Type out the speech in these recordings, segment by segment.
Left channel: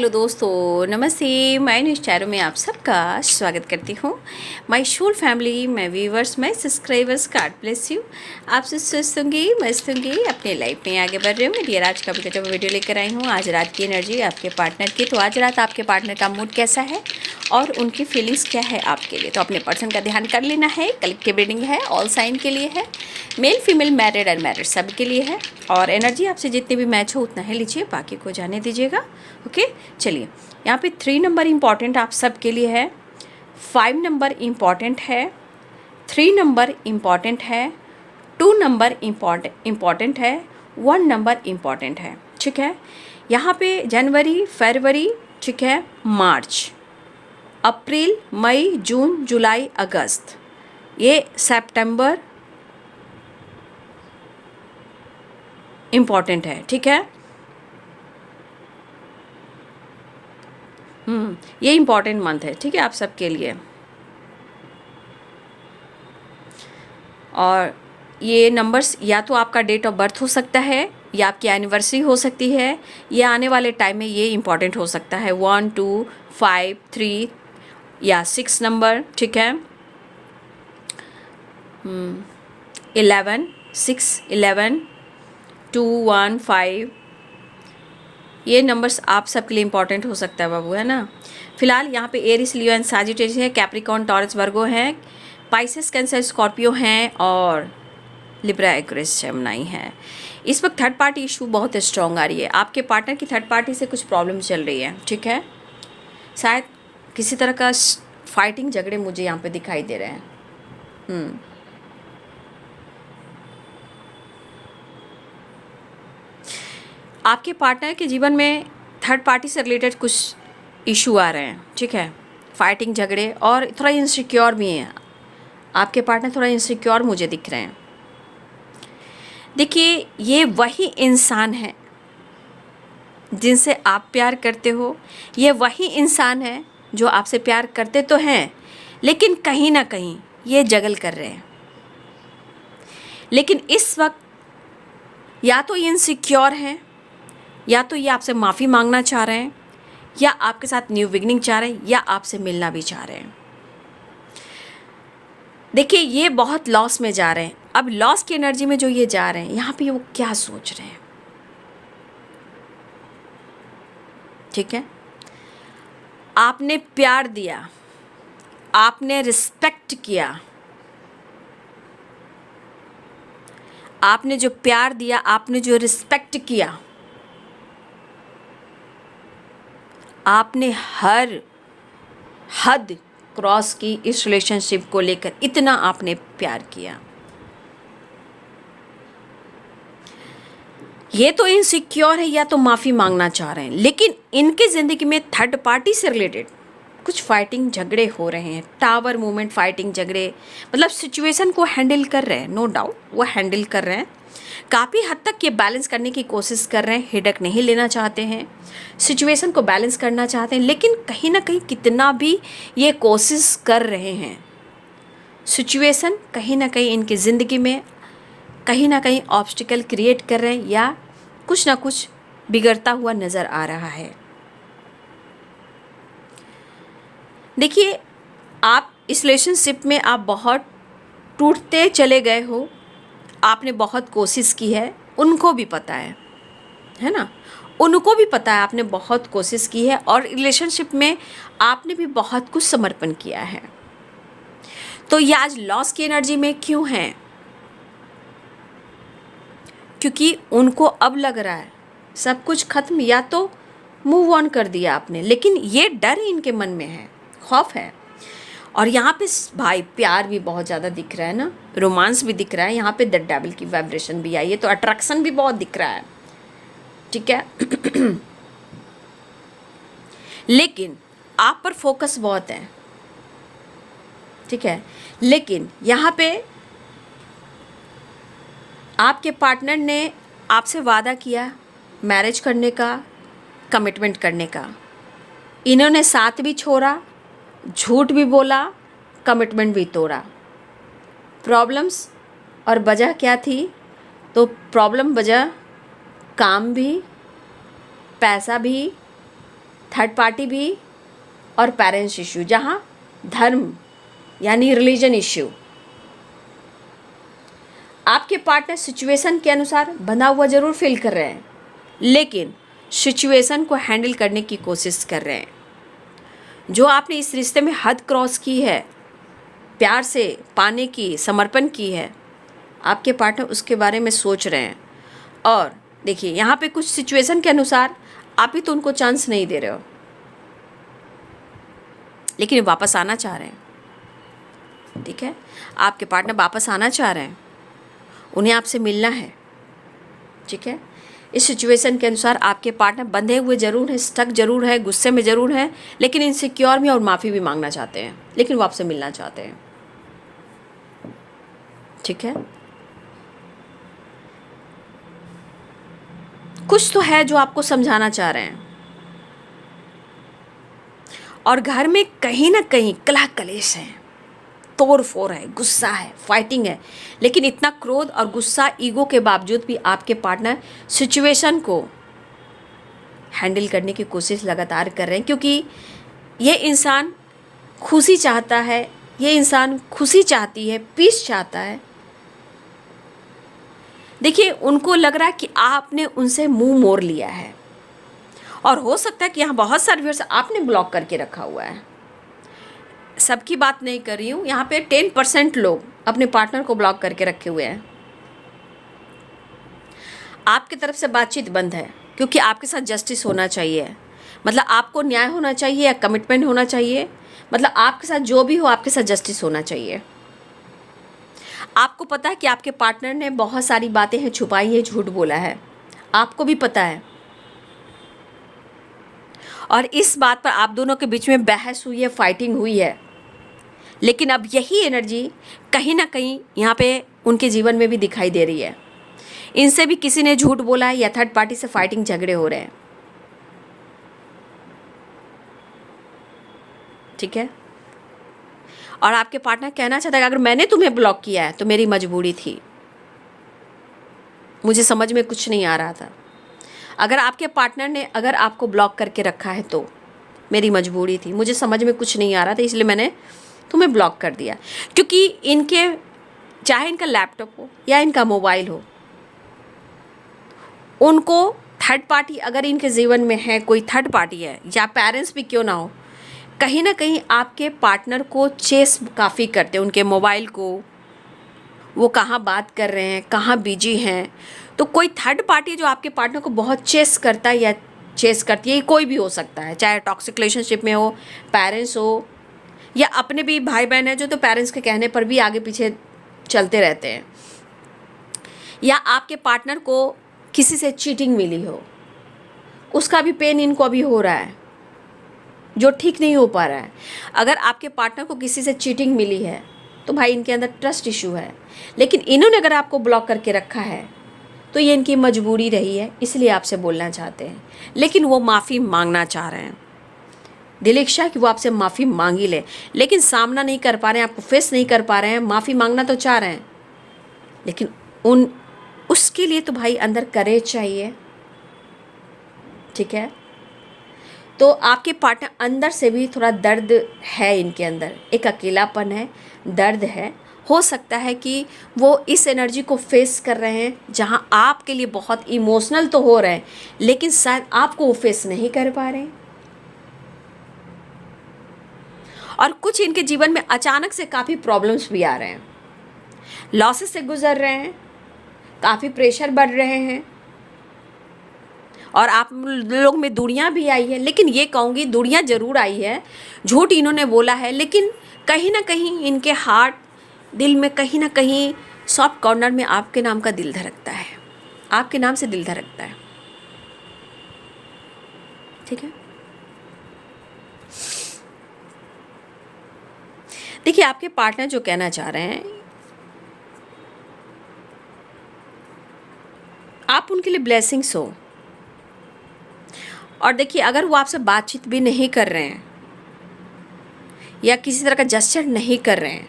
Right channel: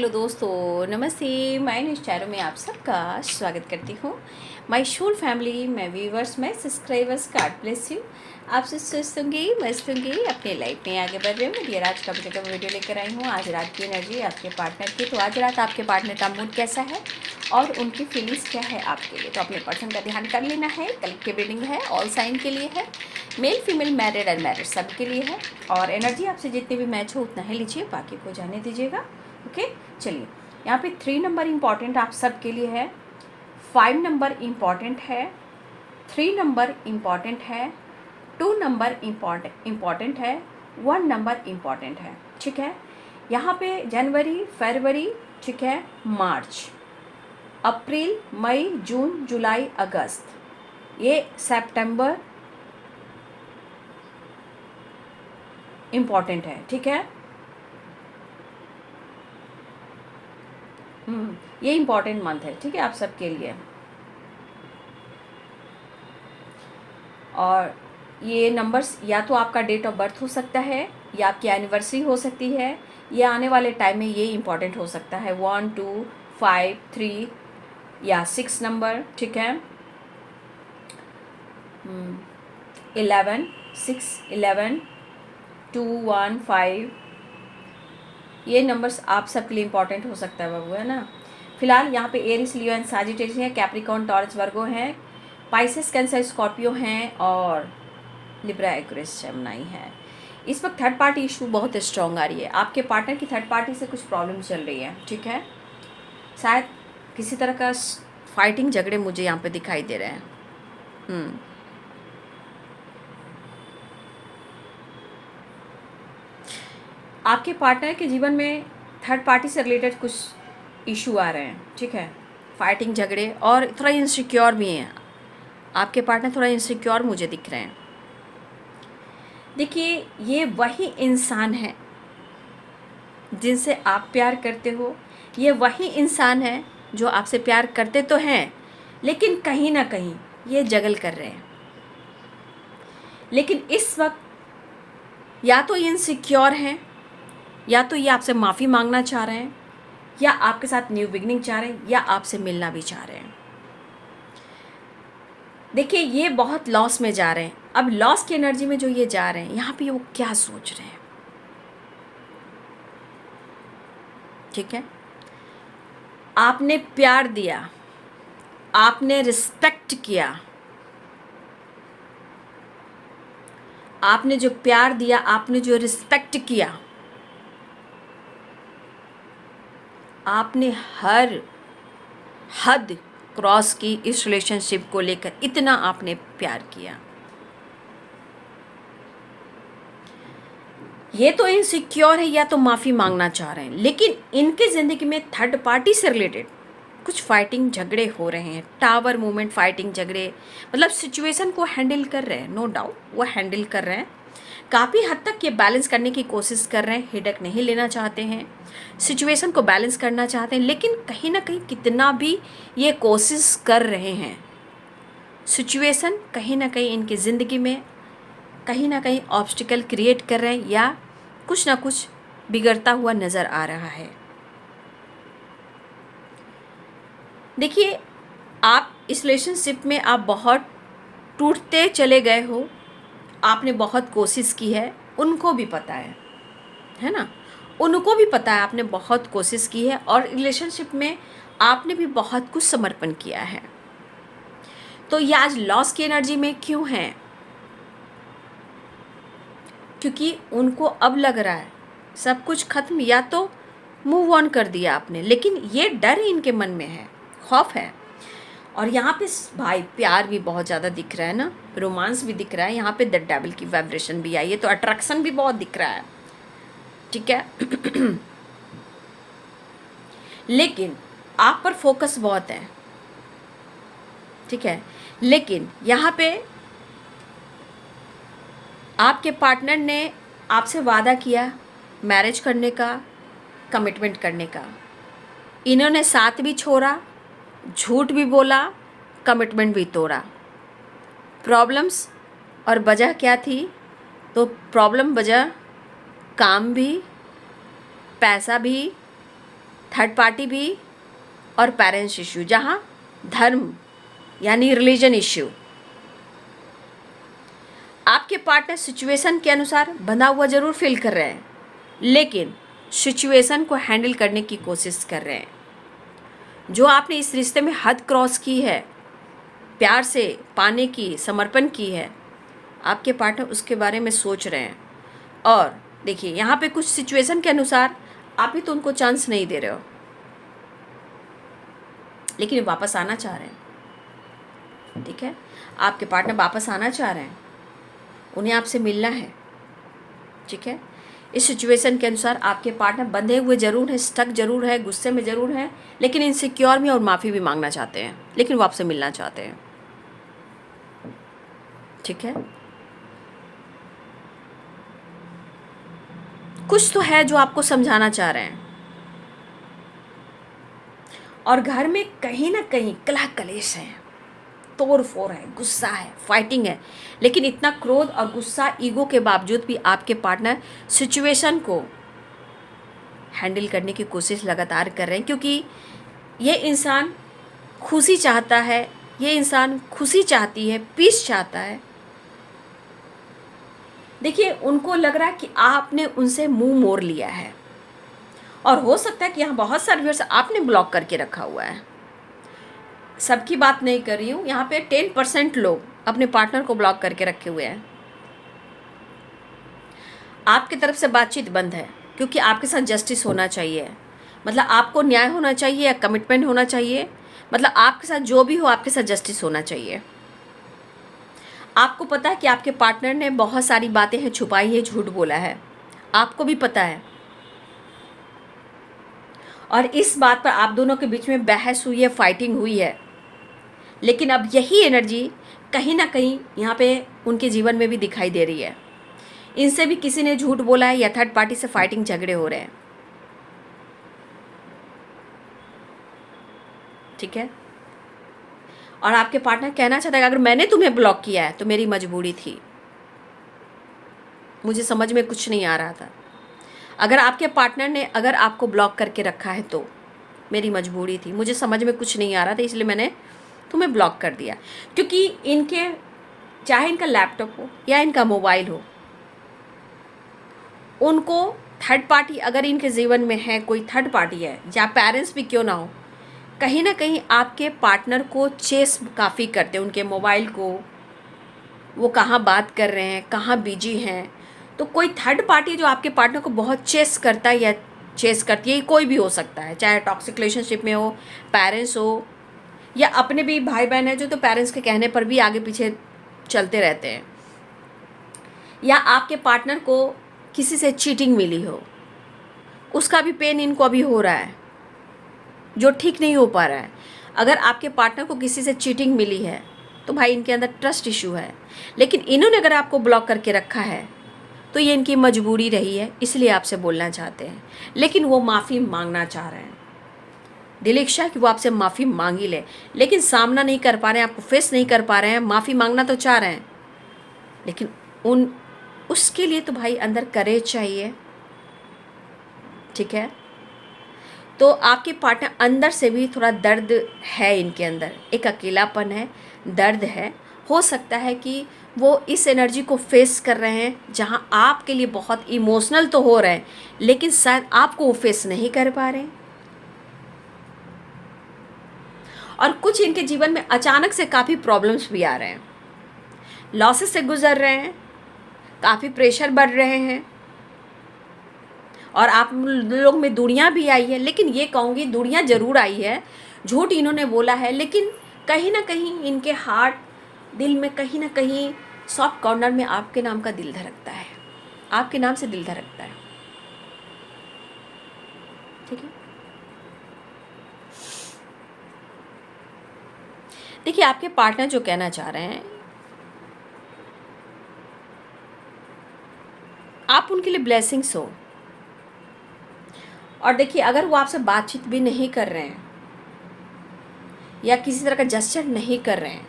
Hello दोस्तों, नमस्ते। मैं न्यूज़ चैनल में आप सबका स्वागत करती हूँ। My Shool family, my viewers, my subscribers, God bless you. आप सब स्वस्थ होंगे, मस्त होंगे, अपने लाइफ में आगे बढ़ रहे हो। डियर, आज का जो वीडियो लेकर आई हूँ, आज रात की एनर्जी आपके पार्टनर की। तो आज रात आपके पार्टनर का मूड कैसा है और उनकी फीलिंग्स क्या है आपके लिए, तो अपने पर्सन का ध्यान कर लेना है। कलेक्टिव रीडिंग है, ऑल साइन के लिए है, मेल फीमेल, मैरिड अनमैरिड सब के लिए है। और एनर्जी आपसे जितने भी मैच हो उतना ही लीजिए, बाकी को जाने दीजिएगा। ओके, चलिए। यहाँ पे 3 नंबर इम्पॉर्टेंट आप सब के लिए है, 5 नंबर इम्पॉर्टेंट है, 3 नंबर इम्पॉर्टेंट है, 2 नंबर इम्पॉर्टेंट है, 1 नंबर इम्पॉर्टेंट है। ठीक है, यहाँ पे जनवरी, फरवरी, ठीक है, मार्च, अप्रैल, मई, जून, जुलाई, अगस्त, ये सितंबर इम्पॉर्टेंट है। ठीक है, ये इम्पॉर्टेंट मंथ है। ठीक है, आप सबके लिए। और ये नंबर्स या तो आपका डेट ऑफ बर्थ हो सकता है, या आपकी एनिवर्सरी हो सकती है, या आने वाले टाइम में ये इम्पॉर्टेंट हो सकता है। 1, 2, 5, 3 या 6 नंबर। ठीक है, 11, 6, 11, 2, 1, 5, ये नंबर्स आप सबके लिए इम्पॉर्टेंट हो सकता है बाबू, है ना। फिलहाल यहाँ पे एरिस, लियो एंड सैजिटेरियस है, कैप्रिकॉर्न, टॉरस, वर्गो हैं, पाइसेस, कैंसर, स्कॉर्पियो हैं, और लिब्रा, एक्वेरियस, जेमिनी है। इस वक्त थर्ड पार्टी इशू बहुत स्ट्रॉन्ग आ रही है। आपके पार्टनर की थर्ड पार्टी से कुछ प्रॉब्लम चल रही है। ठीक है, शायद किसी तरह का फाइटिंग, झगड़े मुझे यहाँ पे दिखाई दे रहे हैं। आपके पार्टनर के जीवन में थर्ड पार्टी से रिलेटेड कुछ इशू आ रहे हैं। ठीक है, फाइटिंग, झगड़े, और थोड़ा इनसिक्योर भी हैं। आपके पार्टनर थोड़ा इनसिक्योर मुझे दिख रहे हैं। देखिए, ये वही इंसान है जिनसे आप प्यार करते हो, ये वही इंसान है जो आपसे प्यार करते तो हैं, लेकिन कहीं ना कहीं ये जगल कर रहे हैं। लेकिन इस वक्त या तो ये इनसिक्योर हैं, या तो ये आपसे माफ़ी मांगना चाह रहे हैं, या आपके साथ न्यू बिगनिंग चाह रहे हैं, या आपसे मिलना भी चाह रहे हैं। देखिए, ये बहुत लॉस में जा रहे हैं। अब लॉस की एनर्जी में जो ये जा रहे हैं, यहाँ पे वो क्या सोच रहे हैं। ठीक है, आपने प्यार दिया, आपने रिस्पेक्ट किया, आपने जो प्यार दिया, आपने जो रिस्पेक्ट किया, आपने हर हद क्रॉस की इस रिलेशनशिप को लेकर। इतना आपने प्यार किया। ये तो इनसिक्योर है, या तो माफ़ी मांगना चाह रहे हैं, लेकिन इनके ज़िंदगी में थर्ड पार्टी से रिलेटेड कुछ फाइटिंग, झगड़े हो रहे हैं। टावर मूवमेंट, फाइटिंग, झगड़े, मतलब सिचुएशन को हैंडल कर रहे हैं। नो डाउट वो हैंडल कर रहे हैं। काफ़ी हद तक ये बैलेंस करने की कोशिश कर रहे हैं। हिडक नहीं लेना चाहते हैं, सिचुएशन को बैलेंस करना चाहते हैं, लेकिन कहीं ना कहीं कितना भी ये कोशिश कर रहे हैं, सिचुएशन कहीं ना कहीं इनकी ज़िंदगी में कहीं ना कहीं ऑब्स्टिकल क्रिएट कर रहे हैं, या कुछ ना कुछ बिगड़ता हुआ नज़र आ रहा है। देखिए, आप इस रिलेशनशिप में आप बहुत टूटते चले गए हो। आपने बहुत कोशिश की है, उनको भी पता है ना, उनको भी पता है आपने बहुत कोशिश की है, और रिलेशनशिप में आपने भी बहुत कुछ समर्पण किया है। तो ये आज लॉस की एनर्जी में क्यों है? क्योंकि उनको अब लग रहा है सब कुछ खत्म, या तो मूव ऑन कर दिया आपने, लेकिन ये डर इनके मन में है, खौफ है। और यहाँ पे भाई प्यार भी बहुत ज़्यादा दिख रहा है ना, रोमांस भी दिख रहा है। यहाँ पे द डेविल की वाइब्रेशन भी आई है, तो अट्रैक्शन भी बहुत दिख रहा है। ठीक है लेकिन आप पर फोकस बहुत है। ठीक है, लेकिन यहाँ पे आपके पार्टनर ने आपसे वादा किया मैरिज करने का, कमिटमेंट करने का। इन्होंने साथ भी छोड़ा, झूठ भी बोला, कमिटमेंट भी तोड़ा। प्रॉब्लम्स और वजह क्या थी? तो प्रॉब्लम वजह काम भी, पैसा भी, थर्ड पार्टी भी और पेरेंट्स इश्यू, जहाँ धर्म यानी रिलीजन इश्यू। आपके पार्टनर सिचुएशन के अनुसार बंधा हुआ ज़रूर फील कर रहे हैं, लेकिन सिचुएशन को हैंडल करने की कोशिश कर रहे हैं। जो आपने इस रिश्ते में हद क्रॉस की है, प्यार से पाने की, समर्पण की है, आपके पार्टनर उसके बारे में सोच रहे हैं। और देखिए यहाँ पे कुछ सिचुएशन के अनुसार आप ही तो उनको चांस नहीं दे रहे हो, लेकिन वापस आना चाह रहे हैं। ठीक है, आपके पार्टनर वापस आना चाह रहे हैं, उन्हें आपसे मिलना है। ठीक है, इस सिचुएशन के अनुसार आपके पार्टनर बंधे हुए ज़रूर हैं, स्टक ज़रूर है, गुस्से में ज़रूर हैं, लेकिन इनसिक्योर में और माफ़ी भी मांगना चाहते हैं, लेकिन वो आपसे मिलना चाहते हैं। ठीक है, कुछ तो है जो आपको समझाना चाह रहे हैं। और घर में कहीं ना कहीं कलह कलेश है, तोड़ फोड़ है, गुस्सा है, फाइटिंग है, लेकिन इतना क्रोध और गुस्सा, ईगो के बावजूद भी आपके पार्टनर सिचुएशन को हैंडल करने की कोशिश लगातार कर रहे हैं, क्योंकि ये इंसान खुशी चाहता है, ये इंसान खुशी चाहती है, पीस चाहता है। देखिए उनको लग रहा है कि आपने उनसे मुंह मोड़ लिया है, और हो सकता है कि यहाँ बहुत सारे व्यूअर्स आपने ब्लॉक करके रखा हुआ है। सबकी बात नहीं कर रही हूँ, यहाँ पे 10% लोग अपने पार्टनर को ब्लॉक करके रखे हुए हैं। आपकी तरफ से बातचीत बंद है, क्योंकि आपके साथ जस्टिस होना चाहिए, मतलब आपको न्याय होना चाहिए या कमिटमेंट होना चाहिए, मतलब आपके साथ जो भी हो आपके साथ जस्टिस होना चाहिए। आपको पता है कि आपके पार्टनर ने बहुत सारी बातें हैं छुपाई है, झूठ बोला है, आपको भी पता है, और इस बात पर आप दोनों के बीच में बहस हुई है, फाइटिंग हुई है। लेकिन अब यही एनर्जी कहीं ना कहीं यहाँ पे उनके जीवन में भी दिखाई दे रही है। इनसे भी किसी ने झूठ बोला है या थर्ड पार्टी से फाइटिंग, झगड़े हो रहे हैं। ठीक है, और आपके पार्टनर कहना चाहता है कि अगर मैंने तुम्हें ब्लॉक किया है तो मेरी मजबूरी थी, मुझे समझ में कुछ नहीं आ रहा था। अगर आपके पार्टनर ने अगर आपको ब्लॉक करके रखा है तो मेरी मजबूरी थी, मुझे समझ में कुछ नहीं आ रहा था, इसलिए मैंने तुम्हें ब्लॉक कर दिया। क्योंकि इनके, चाहे इनका लैपटॉप हो या इनका मोबाइल हो, उनको थर्ड पार्टी अगर इनके जीवन में है, कोई थर्ड पार्टी है या पेरेंट्स भी क्यों ना हो, कहीं ना कहीं आपके पार्टनर को चेस काफ़ी करते हैं, उनके मोबाइल को, वो कहाँ बात कर रहे हैं, कहाँ बिजी हैं। तो कोई थर्ड पार्टी जो आपके पार्टनर को बहुत चेस करता है या चेस करती है, कोई भी हो सकता है, चाहे टॉक्सिक रिलेशनशिप में हो, पेरेंट्स हो, या अपने भी भाई बहन है जो तो पेरेंट्स के कहने पर भी आगे पीछे चलते रहते हैं, या आपके पार्टनर को किसी से चीटिंग मिली हो, उसका भी पेन इनको अभी हो रहा है, जो ठीक नहीं हो पा रहा है। अगर आपके पार्टनर को किसी से चीटिंग मिली है तो भाई इनके अंदर ट्रस्ट इशू है, लेकिन इन्होंने अगर आपको ब्लॉक करके रखा है तो ये इनकी मजबूरी रही है, इसलिए आपसे बोलना चाहते हैं, लेकिन वो माफ़ी मांगना चाह रहे हैं। दिल इच्छा है कि वो आपसे माफ़ी मांग ही ले, लेकिन सामना नहीं कर पा रहे हैं, आपको फेस नहीं कर पा रहे हैं। माफ़ी मांगना तो चाह रहे हैं, लेकिन उसके लिए तो भाई अंदर करेज चाहिए। ठीक है, तो आपके पार्टनर अंदर से भी थोड़ा दर्द है, इनके अंदर एक अकेलापन है, दर्द है। हो सकता है कि वो इस एनर्जी को फेस कर रहे हैं, जहां आपके लिए बहुत इमोशनल तो हो रहे हैं, लेकिन शायद आपको वो फेस नहीं कर पा रहे हैं। और कुछ इनके जीवन में अचानक से काफ़ी प्रॉब्लम्स भी आ रहे हैं, लॉसेस से गुजर रहे हैं, काफ़ी प्रेशर बढ़ रहे हैं, और आप लोग में दूरियां भी आई है। लेकिन ये कहूँगी दूरियां ज़रूर आई है, झूठ इन्होंने बोला है, लेकिन कहीं ना कहीं इनके हार्ट, दिल में कहीं ना कहीं सॉफ्ट कॉर्नर में आपके नाम का दिल धड़कता है, आपके नाम से दिल धड़कता है। ठीक है, देखिए आपके पार्टनर जो कहना चाह रहे हैं, आप उनके लिए ब्लेसिंग्स हो। और देखिए अगर वो आपसे बातचीत भी नहीं कर रहे हैं, या किसी तरह का जेस्चर नहीं कर रहे हैं,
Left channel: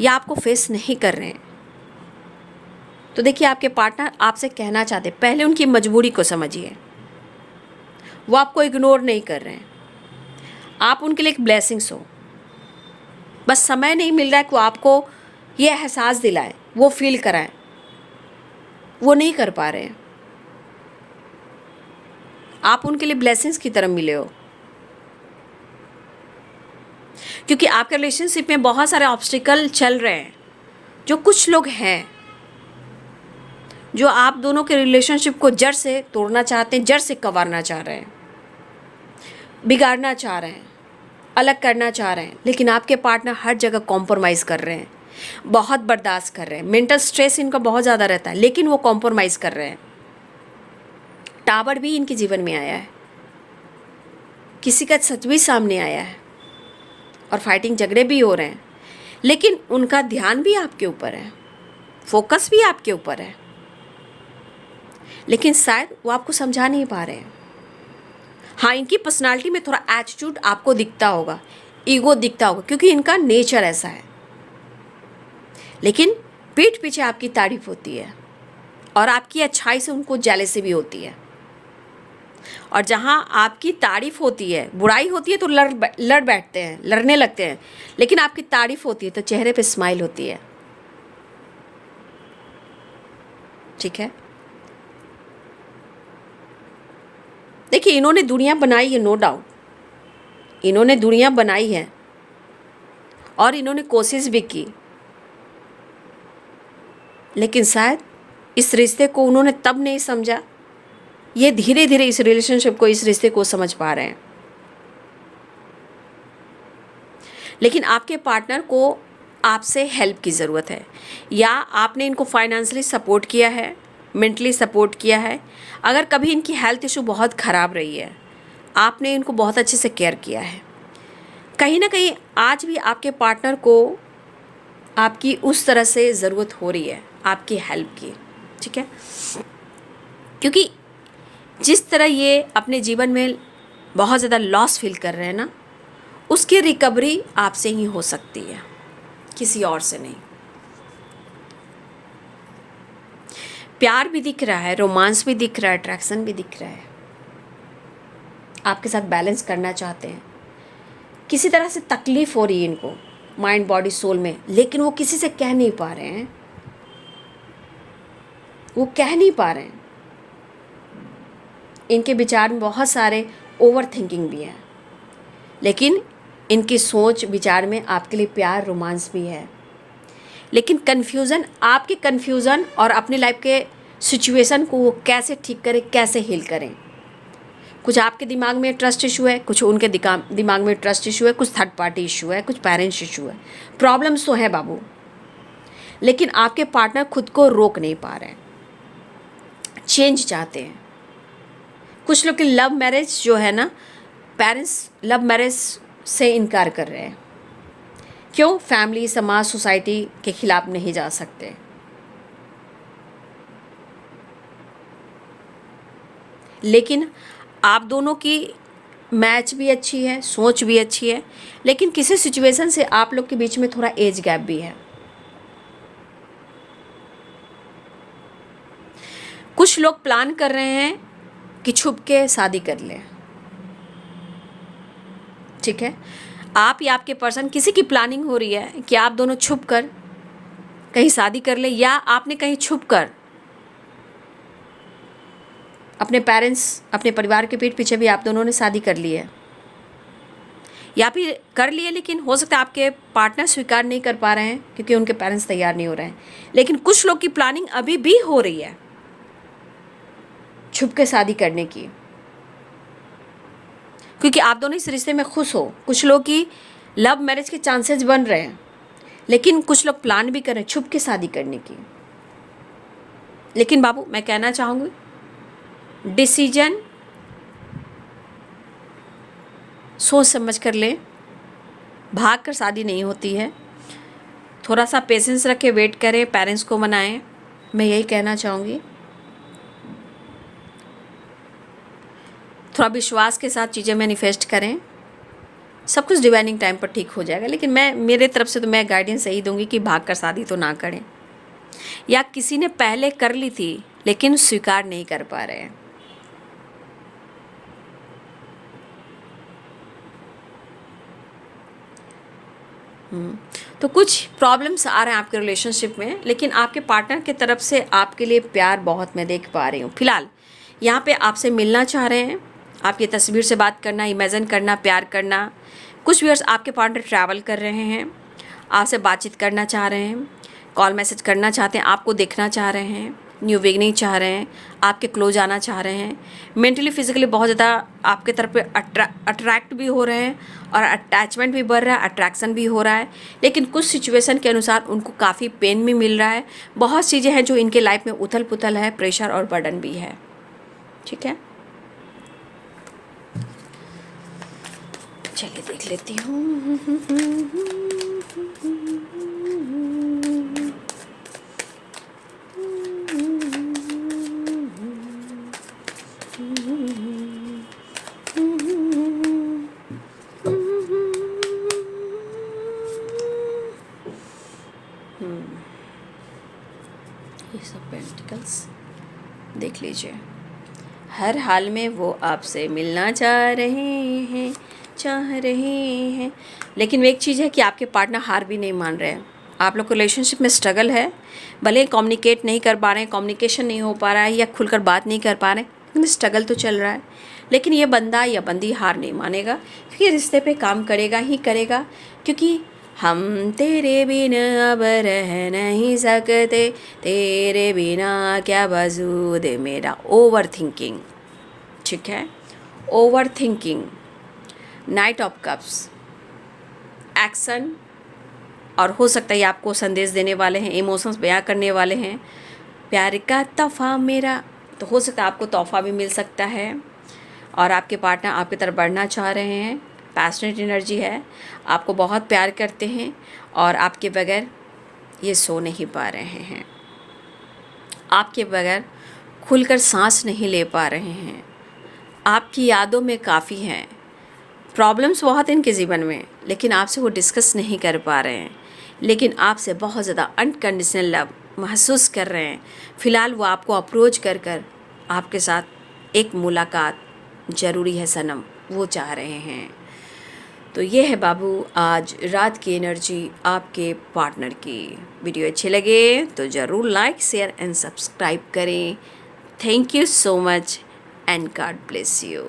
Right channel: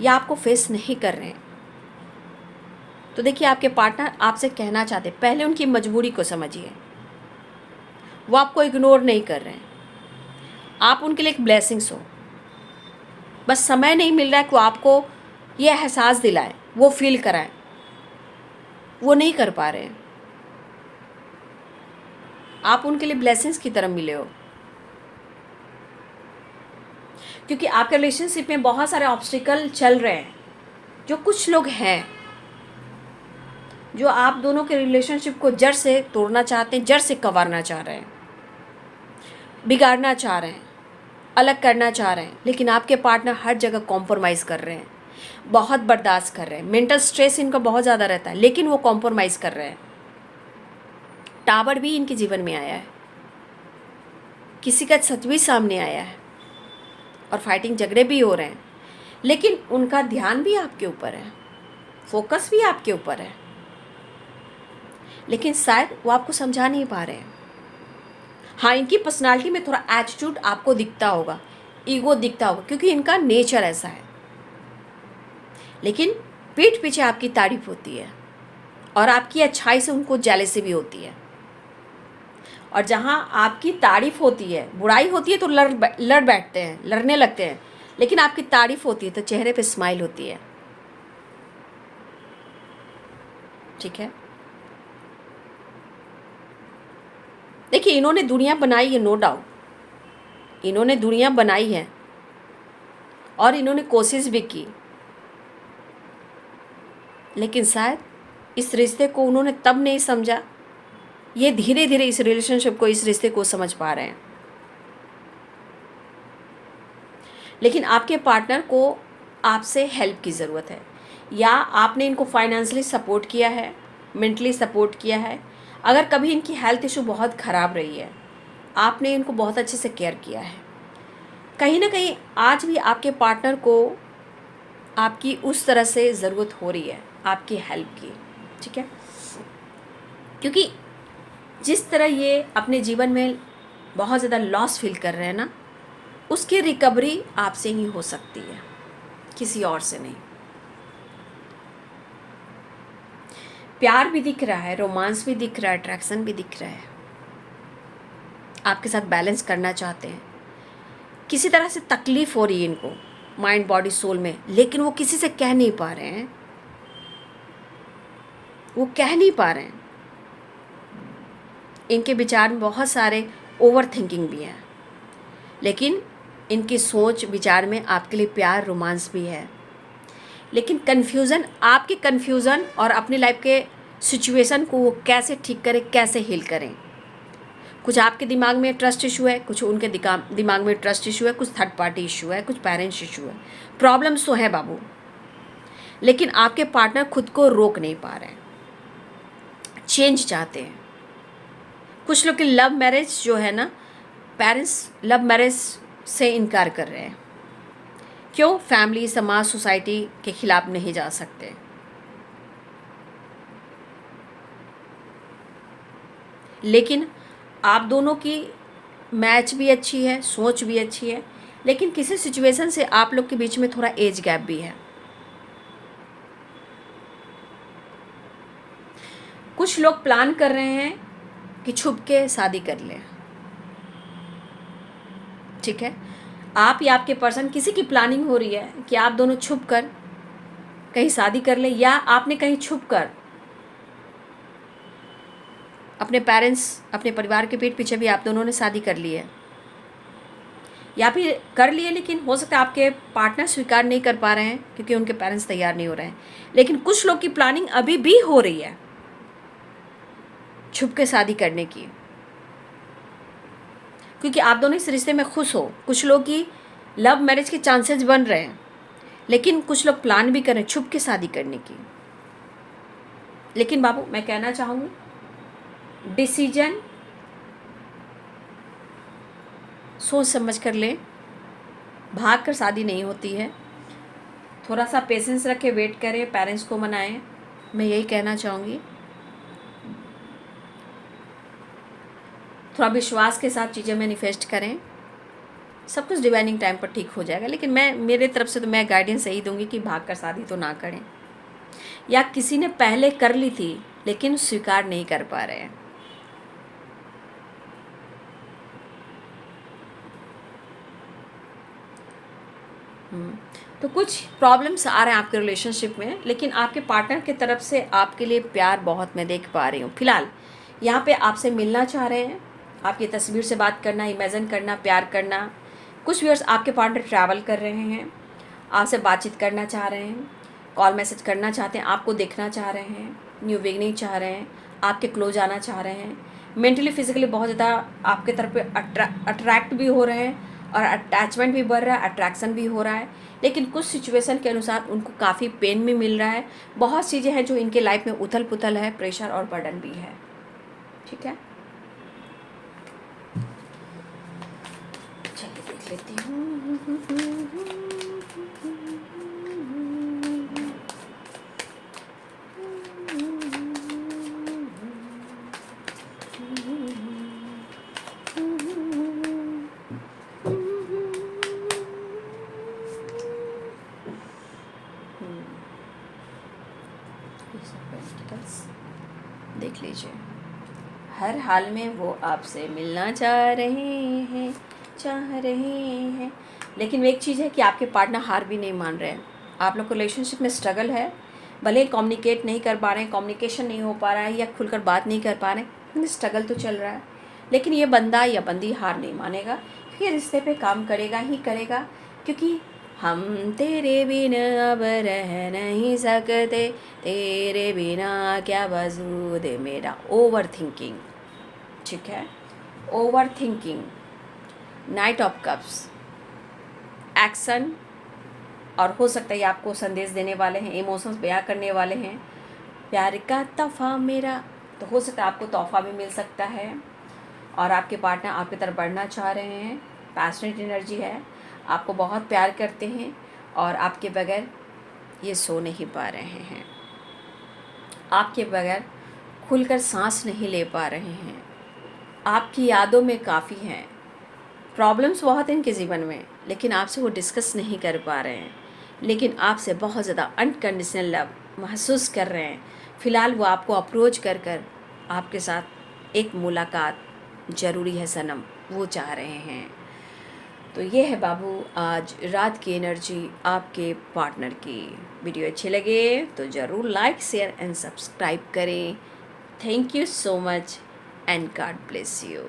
या आपको फेस नहीं कर रहे हैं, तो देखिए आपके पार्टनर आपसे कहना चाहते हैं, पहले उनकी मजबूरी को समझिए, वो आपको इग्नोर नहीं कर रहे हैं, आप उनके लिए एक ब्लेसिंग्स हो। बस समय नहीं मिल रहा है कि वो आपको ये एहसास दिलाएं, वो फील कराएं, वो नहीं कर पा रहे हैं। आप उनके लिए ब्लेसिंग्स की तरह मिले हो, क्योंकि आपके रिलेशनशिप में बहुत सारे ऑब्स्टिकल चल रहे हैं। जो कुछ लोग हैं जो आप दोनों के रिलेशनशिप को जड़ से तोड़ना चाहते हैं, जड़ से कवारना चाह रहे हैं, बिगाड़ना चाह रहे हैं, अलग करना चाह रहे हैं, लेकिन आपके पार्टनर हर जगह कॉम्प्रोमाइज़ कर रहे हैं, बहुत बर्दाश्त कर रहे हैं। मेंटल स्ट्रेस इनका बहुत ज़्यादा रहता है, लेकिन वो कॉम्प्रोमाइज़ कर रहे हैं। टावर भी इनके जीवन में आया है, किसी का सच भी सामने आया है और फाइटिंग झगड़े भी हो रहे हैं, लेकिन उनका ध्यान भी आपके ऊपर है, फोकस भी आपके ऊपर है, लेकिन शायद वो आपको समझा नहीं पा रहे हैं। हाँ, इनकी पर्सनालिटी में थोड़ा एटीट्यूड आपको दिखता होगा, ईगो दिखता होगा, क्योंकि इनका नेचर ऐसा है। लेकिन पीठ पीछे आपकी तारीफ होती है और आपकी अच्छाई से उनको जेलसी भी होती है। और जहाँ आपकी तारीफ होती है, बुराई होती है तो लड़ बैठते हैं, लड़ने लगते हैं, लेकिन आपकी तारीफ होती है तो चेहरे पे स्माइल होती है। ठीक है, देखिए इन्होंने दुनिया बनाई है, नो डाउट, इन्होंने दुनिया बनाई है और इन्होंने कोशिश भी की, लेकिन शायद इस रिश्ते को उन्होंने तब नहीं समझा, ये धीरे धीरे इस रिलेशनशिप को, इस रिश्ते को समझ पा रहे हैं। लेकिन आपके पार्टनर को आपसे हेल्प की ज़रूरत है, या आपने इनको फाइनेंशियली सपोर्ट किया है, मेंटली सपोर्ट किया है। अगर कभी इनकी हेल्थ इशू बहुत ख़राब रही है, आपने इनको बहुत अच्छे से केयर किया है। कहीं ना कहीं आज भी आपके पार्टनर को आपकी उस तरह से ज़रूरत हो रही है, आपकी हेल्प की। ठीक है, क्योंकि जिस तरह ये अपने जीवन में बहुत ज़्यादा लॉस फील कर रहे हैं ना, उसकी रिकवरी आपसे ही हो सकती है, किसी और से नहीं। प्यार भी दिख रहा है, रोमांस भी दिख रहा है, अट्रैक्शन भी दिख रहा है, आपके साथ बैलेंस करना चाहते हैं। किसी तरह से तकलीफ हो रही है इनको माइंड बॉडी सोल में, लेकिन वो किसी से कह नहीं पा रहे हैं, वो कह नहीं पा रहे हैं। इनके विचार में बहुत सारे ओवर थिंकिंग भी है, लेकिन इनकी सोच विचार में आपके लिए प्यार रोमांस भी है। लेकिन कन्फ्यूज़न, आपकी कन्फ्यूज़न और अपनी लाइफ के सिचुएशन को वो कैसे ठीक करें, कैसे हील करें। कुछ आपके दिमाग में ट्रस्ट इशू है, कुछ उनके दिमाग में ट्रस्ट इशू है, कुछ थर्ड पार्टी इशू है, कुछ पेरेंट्स इशू है। प्रॉब्लम्स तो है बाबू, लेकिन आपके पार्टनर खुद को रोक नहीं पा रहे हैं, चेंज चाहते हैं। कुछ लोग की लव मैरिज जो है ना, पेरेंट्स लव मैरिज से इनकार कर रहे हैं। क्यों? फैमिली, समाज, सोसाइटी के खिलाफ नहीं जा सकते। लेकिन आप दोनों की मैच भी अच्छी है, सोच भी अच्छी है, लेकिन किसी सिचुएशन से आप लोग के बीच में थोड़ा एज गैप भी है। कुछ लोग प्लान कर रहे हैं कि छुप के शादी कर लें। ठीक है, आप या आपके पर्सन, किसी की प्लानिंग हो रही है कि आप दोनों छुप कर कहीं शादी कर ले, या आपने कहीं छुप कर अपने पेरेंट्स, अपने परिवार के पीठ पीछे भी आप दोनों ने शादी कर ली है, या फिर कर लिए, लेकिन हो सकता है आपके पार्टनर स्वीकार नहीं कर पा रहे हैं क्योंकि उनके पेरेंट्स तैयार नहीं हो रहे हैं। लेकिन कुछ लोग की प्लानिंग अभी भी हो रही है छुप के शादी करने की, क्योंकि आप दोनों इस रिश्ते में खुश हो। कुछ लोग की लव मैरिज के चांसेस बन रहे हैं, लेकिन कुछ लोग प्लान भी कर रहे हैं छुप के शादी करने की। लेकिन बाबू, मैं कहना चाहूँगी, डिसीजन सोच समझ कर लें, भाग कर शादी नहीं होती है। थोड़ा सा पेशेंस रखें, वेट करें, पेरेंट्स को मनाएं। मैं यही कहना चाहूँगी, थोड़ा विश्वास के साथ चीज़ें मैनिफेस्ट करें, सब कुछ डिवाइनिंग टाइम पर ठीक हो जाएगा। लेकिन मैं, मेरे तरफ से तो मैं गाइडेंस यही दूंगी कि भाग कर शादी तो ना करें, या किसी ने पहले कर ली थी लेकिन स्वीकार नहीं कर पा रहे हैं। तो कुछ प्रॉब्लम्स आ रहे हैं आपके रिलेशनशिप में, लेकिन आपके पार्टनर की तरफ से आपके लिए प्यार बहुत मैं देख पा रही हूँ। फिलहाल यहाँ पे आपसे मिलना चाह रहे हैं, आपकी तस्वीर से बात करना, इमेजिन करना, प्यार करना। कुछ व्यूअर्स आपके पार्टनर ट्रैवल कर रहे हैं, आपसे बातचीत करना चाह रहे हैं, कॉल मैसेज करना चाहते हैं, आपको देखना चाह रहे हैं, न्यू बिगनिंग चाह रहे हैं, आपके क्लोज आना चाह रहे हैं, मेंटली फिजिकली बहुत ज़्यादा आपके तरफ पे अट्रैक्ट भी हो रहे हैं और अटैचमेंट भी बढ़ रहा है, अट्रैक्शन भी हो रहा है। लेकिन कुछ सिचुएशन के अनुसार उनको काफ़ी पेन भी मिल रहा है। बहुत चीज़ें हैं जो इनके लाइफ में उथल पुथल है, प्रेशर और बर्डन भी है। ठीक है, चलिए देख लेती हूँ। पेंटिकल्स देख लीजिए। हर हाल में वो आपसे मिलना चाह रहे हैं, लेकिन एक चीज़ है कि आपके पार्टनर हार भी नहीं मान रहे हैं। आप लोग को रिलेशनशिप में स्ट्रगल है, भले कम्युनिकेट नहीं कर पा रहे हैं, कम्युनिकेशन नहीं हो पा रहा है या खुलकर बात नहीं कर पा रहे हैं, लेकिन स्ट्रगल तो चल रहा है। लेकिन ये बंदा या बंदी हार नहीं मानेगा, क्योंकि रिश्ते पे काम करेगा ही करेगा। क्योंकि हम तेरे बिना अब रह नहीं सकते, तेरे बिना क्या वजूद मेरा। ओवर थिंकिंग, ठीक है, over thinking, night of cups, action, और हो सकता है आपको संदेश देने वाले हैं, इमोशंस बयां करने वाले हैं। प्यार का तोहफा मेरा, तो हो सकता है आपको तोहफा भी मिल सकता है। और आपके पार्टनर आपकी तरफ बढ़ना चाह रहे हैं, पैशनेट एनर्जी है, आपको बहुत प्यार करते हैं और आपके बगैर ये सो नहीं पा रहे हैं, आपके बगैर खुलकर सांस नहीं ले पा रहे हैं, आपकी यादों में काफ़ी हैं। प्रॉब्लम्स बहुत इनके जीवन में, लेकिन आपसे वो डिस्कस नहीं कर पा रहे हैं, लेकिन आपसे बहुत ज़्यादा अनकंडीशनल लव महसूस कर रहे हैं। फ़िलहाल वो आपको अप्रोच कर कर आपके साथ एक मुलाकात ज़रूरी है सनम, वो चाह रहे हैं। तो ये है बाबू आज रात की एनर्जी आपके पार्टनर की। वीडियो अच्छे लगे तो ज़रूर लाइक, शेयर एंड सब्सक्राइब करें। Thank you so much and God bless you.